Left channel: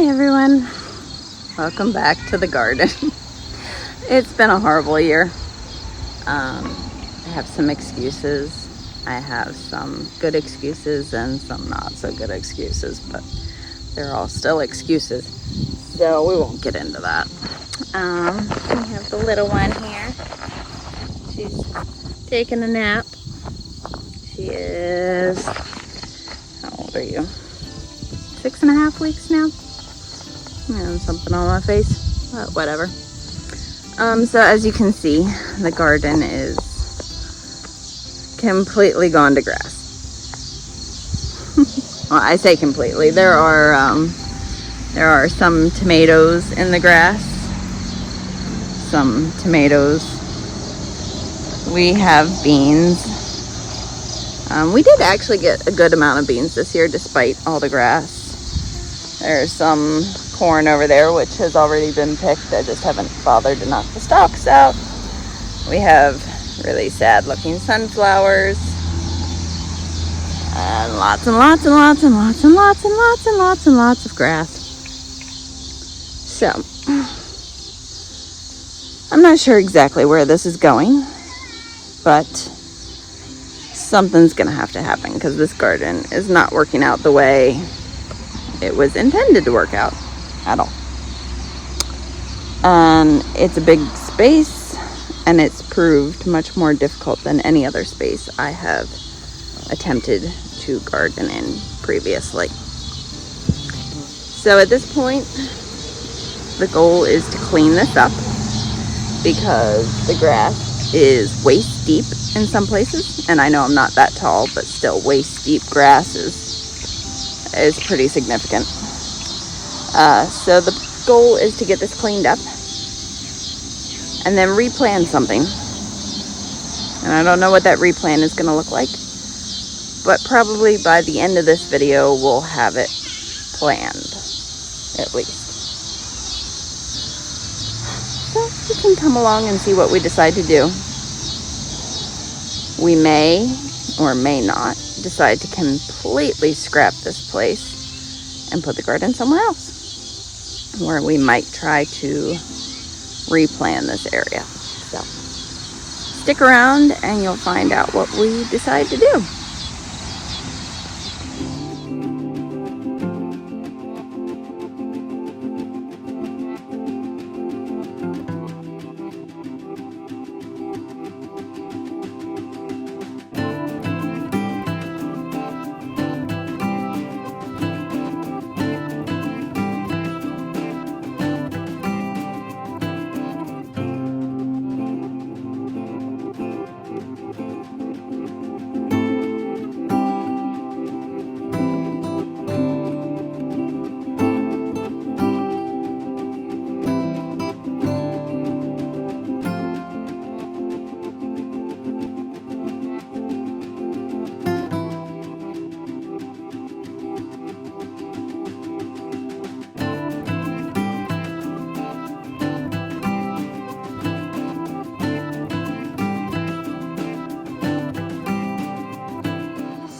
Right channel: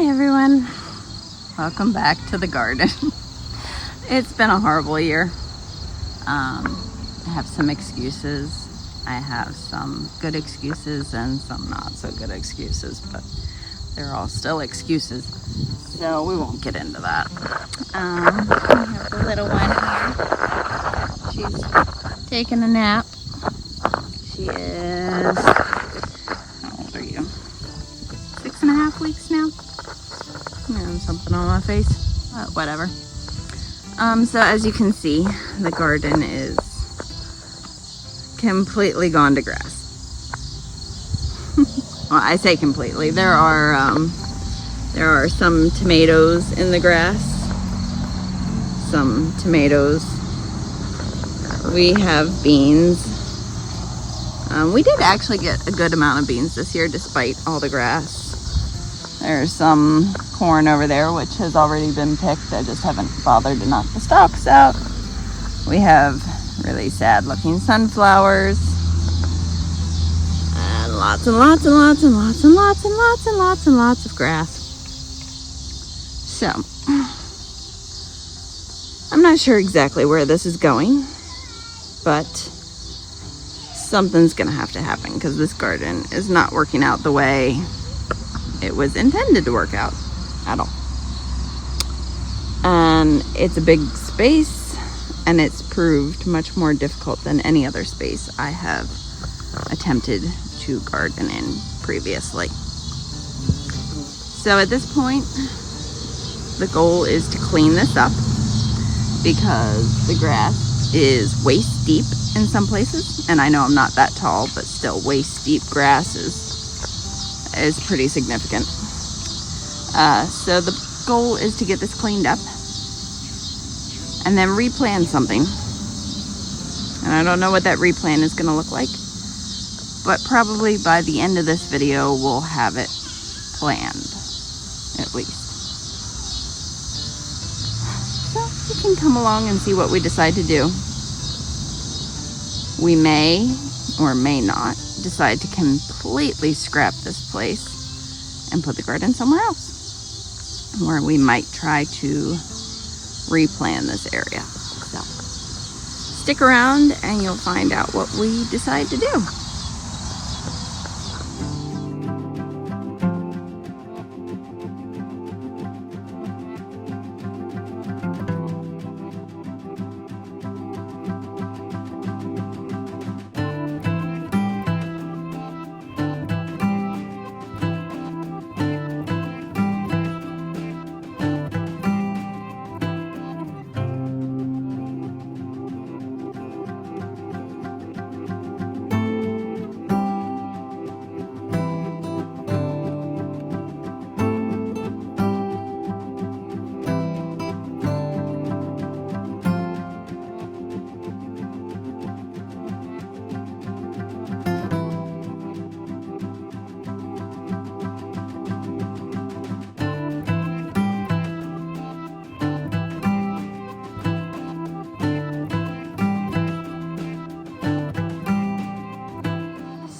Hi everyone, welcome back to the garden. It's been a horrible year. I have some excuses. I have some good excuses and some not so good excuses, but they're all still excuses, so we won't get into that. We have the little one here. She's taking a nap. She is, how old are you? 6.5 weeks now. Something on my face, but whatever. So as you can see, the garden is completely gone to grass. Well, I say completely. There are some tomatoes in the grass. Some tomatoes. We have beans. We did actually get a good amount of beans this year, despite all the grass. There's some corn over there, which has already been picked. I just haven't bothered to knock the stalks out. We have really sad looking sunflowers. And lots and lots and lots and lots and lots and lots and lots and lots of grass. So, I'm not sure exactly where this is going, but something's gonna have to happen because this garden is not working out the way it was intended to work out at all. And it's a big space, and it's proved much more difficult than any other space I have attempted to garden in previously. So at this point, the goal is to clean this up because the grass is waist deep in some places, and I know I'm not that tall, but still waist deep grass is pretty significant. So the goal is to get this cleaned up and then replan something. And I don't know what that replan is going to look like, but probably by the end of this video we'll have it planned, at least. So you can come along and see what we decide to do. We may or may not decide to completely scrap this place and put the garden somewhere else, where we might try to replan this area. So stick around and you'll find out what we decide to do.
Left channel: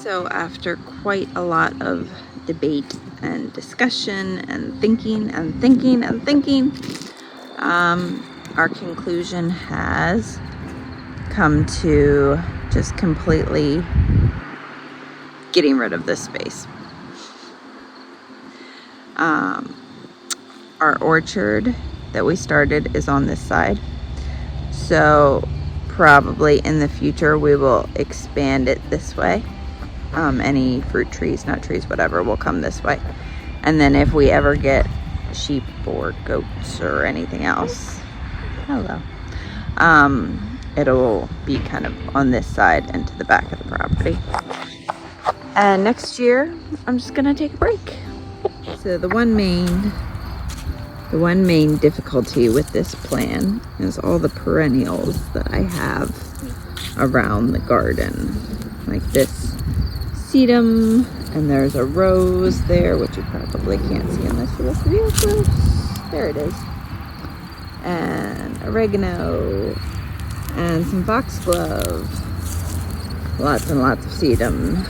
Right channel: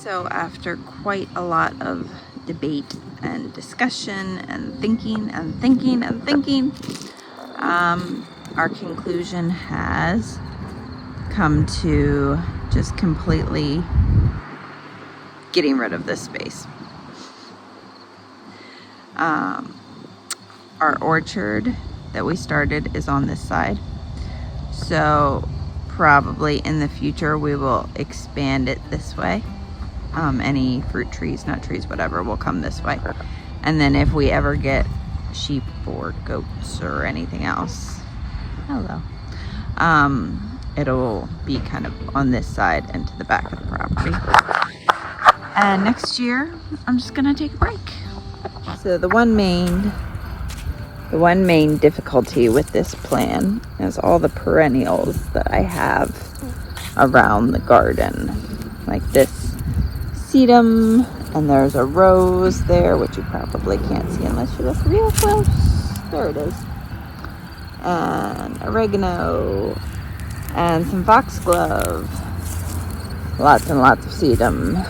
So after quite a lot of debate and discussion and thinking, our conclusion has come to just completely getting rid of this space. Our orchard that we started is on this side, so probably in the future we will expand it this way. Any fruit trees, nut trees, whatever, will come this way. And then if we ever get sheep or goats or anything else, it'll be kind of on this side and to the back of the property. And next year, I'm just gonna take a break. So the one main difficulty with this plan is all the perennials that I have around the garden, like this sedum, and there's a rose there, which you probably can't see unless you look real close. There it is. And oregano, and some foxglove, lots and lots of sedum.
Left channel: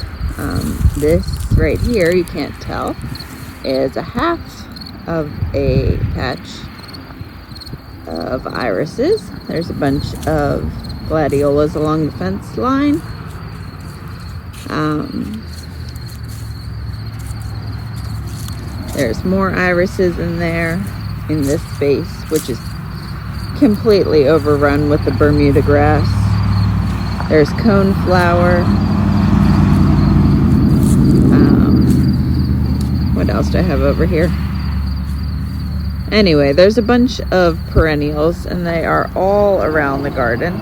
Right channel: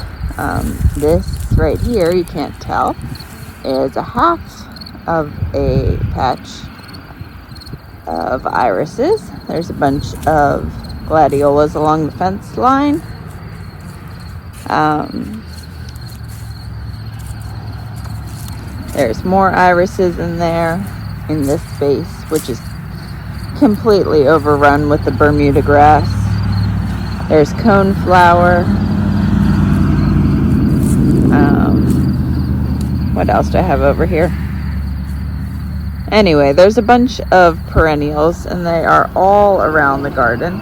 This right here, you can't tell, is a half of a patch of irises. There's a bunch of gladiolas along the fence line. There's more irises in there in this space, which is completely overrun with the Bermuda grass. There's coneflower. What else do I have over here? Anyway, there's a bunch of perennials and they are all around the garden.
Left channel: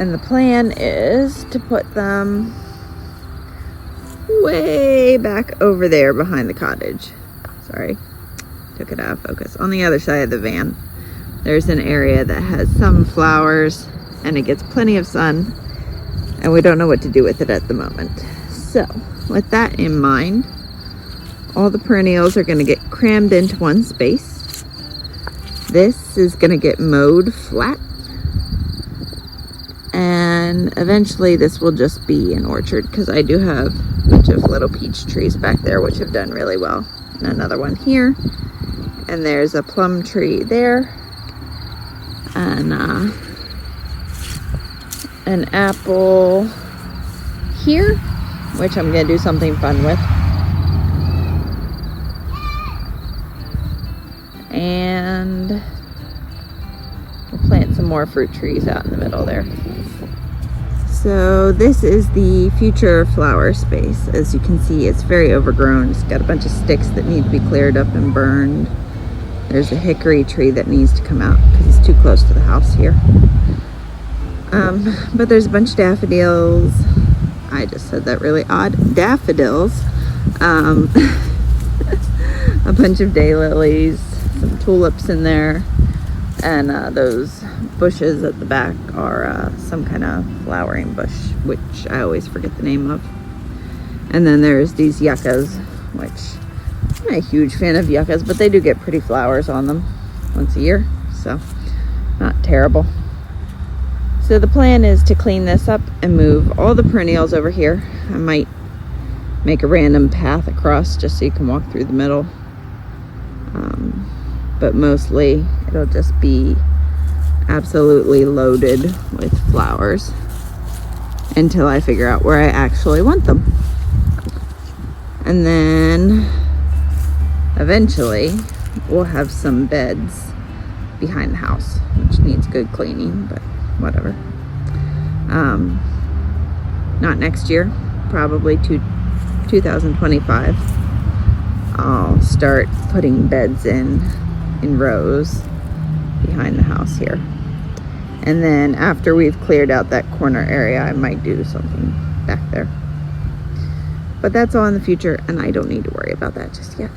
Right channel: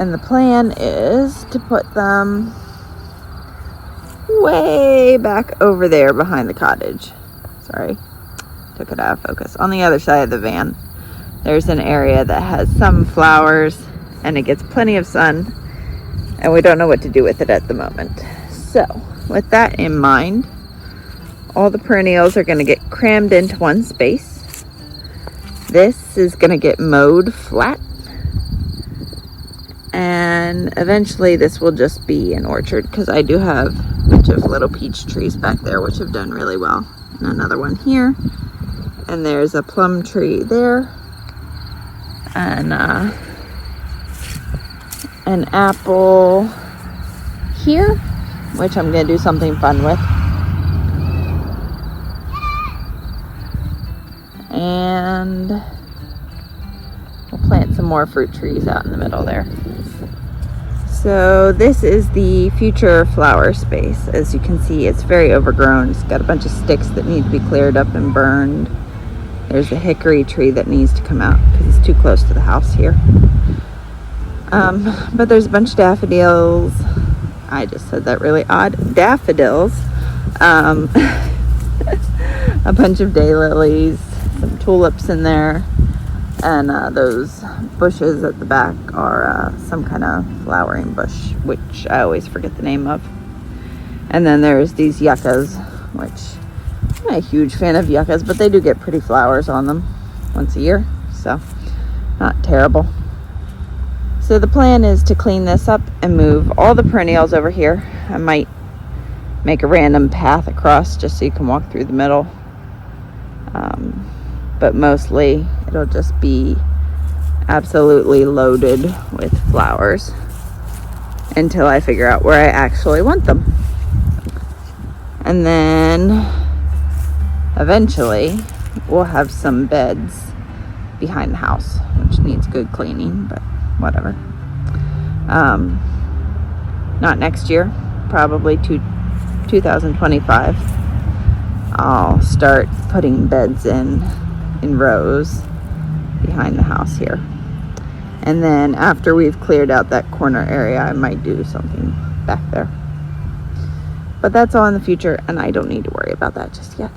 And the plan is to put them way back over there behind the cottage. Sorry, took it out of focus. On the other side of the van, there's an area that has some flowers and it gets plenty of sun, and we don't know what to do with it at the moment. So with that in mind, all the perennials are going to get crammed into one space. This is going to get mowed flat, and eventually this will just be an orchard, because I do have a bunch of little peach trees back there which have done really well, and another one here, and there's a plum tree there, and an apple here, which I'm going to do something fun with. And we'll plant some more fruit trees out in the middle there. So this is the future flower space. As you can see, it's very overgrown. It's got a bunch of sticks that need to be cleared up and burned. There's a hickory tree that needs to come out because it's too close to the house here. But there's a bunch of daffodils. I just said that really odd. Daffodils. A bunch of daylilies, some tulips in there, and those bushes at the back are some kind of flowering bush, which I always forget the name of. And then there's these yuccas, which I'm not a huge fan of yuccas, but they do get pretty flowers on them once a year, so not terrible. So the plan is to clean this up and move all the perennials over here. I might make a random path across just so you can walk through the middle. But mostly it'll just be absolutely loaded with flowers until I figure out where I actually want them. And then eventually we'll have some beds behind the house, which needs good cleaning, but whatever. Not next year, probably 2025. I'll start putting beds in rows behind the house here. And then after we've cleared out that corner area, I might do something back there. But that's all in the future, and I don't need to worry about that just yet.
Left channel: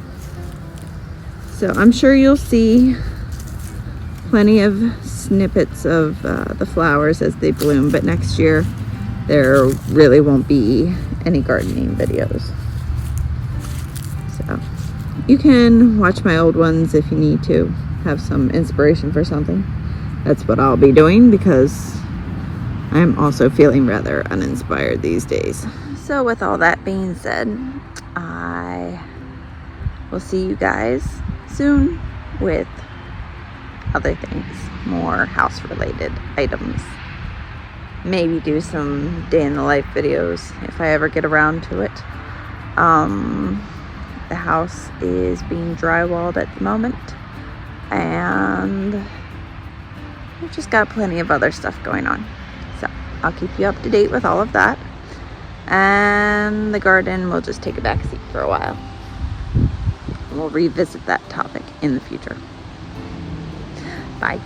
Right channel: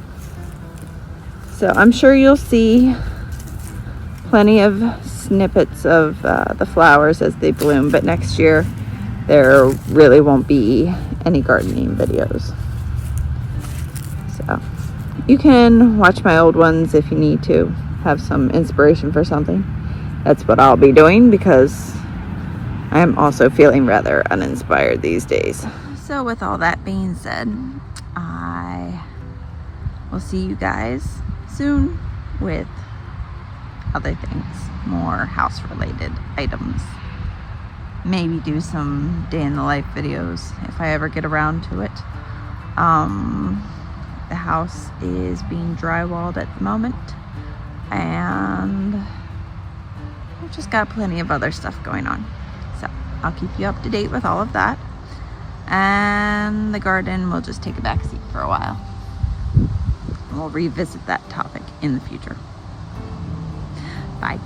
So I'm sure you'll see plenty of snippets of the flowers as they bloom, but next year there really won't be any gardening videos. So you can watch my old ones if you need to have some inspiration for something. That's what I'll be doing, because I am also feeling rather uninspired these days. So with all that being said, I will see you guys soon with other things, more house related items. Maybe do some day in the life videos if I ever get around to it. The house is being drywalled at the moment, and we've just got plenty of other stuff going on. So I'll keep you up to date with all of that. And the garden will just take a back seat for a while. We'll revisit that topic in the future. Bye.